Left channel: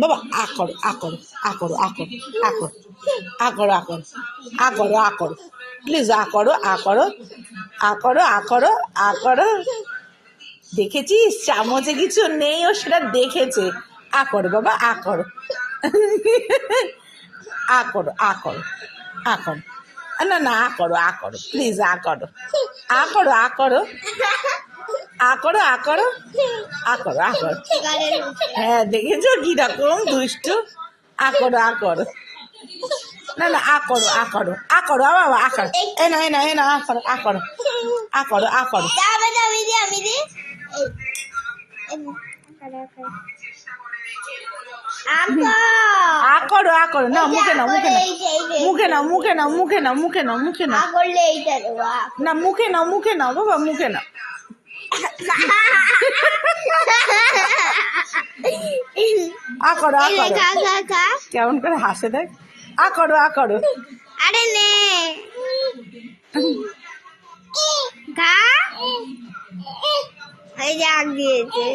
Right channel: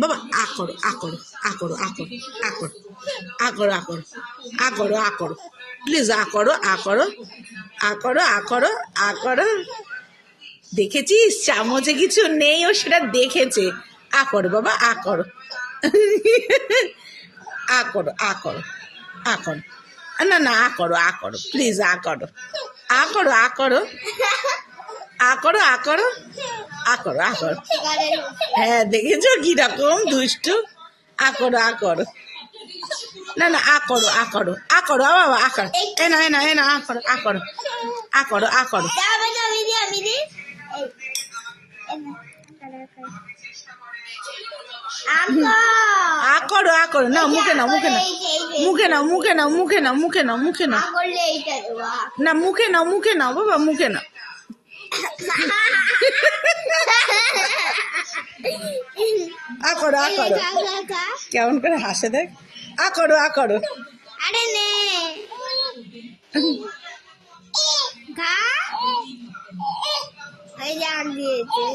বাবা আ করো আ করো আ করো আ করো আ করো আ করো আ করো আ করো আ করো প্লিজ আ করো আ করো আ করো আ করো আ করো দেখেছিস চামচে কিছু নেই ও সেটা দেখেছে আ করো বাবা আ করো আ করো আ করো আ করো না না আ করো প্লিজ আ করো আ করো আ করো আ করো আ করো আ করো আ করো হ্যাঁ দেখেছো কিরকম দুষ্টু আ করো আ করো না না আ করো আ করো আ করো বাবা আ করো এ না আ করো আ করো আ করো আ করো আ করো আ করো না মুখে নাও মুখে নাও মুখে নাও মুখে নাও মুখে নাও মুখে নাও মুখে নাও না মুখে নাও বাবা মুখে নাও আ করো আ করো কেমন করে হাসে দেখ আ করো আ করো আরে নে খা এই যে আগ দিয়েছে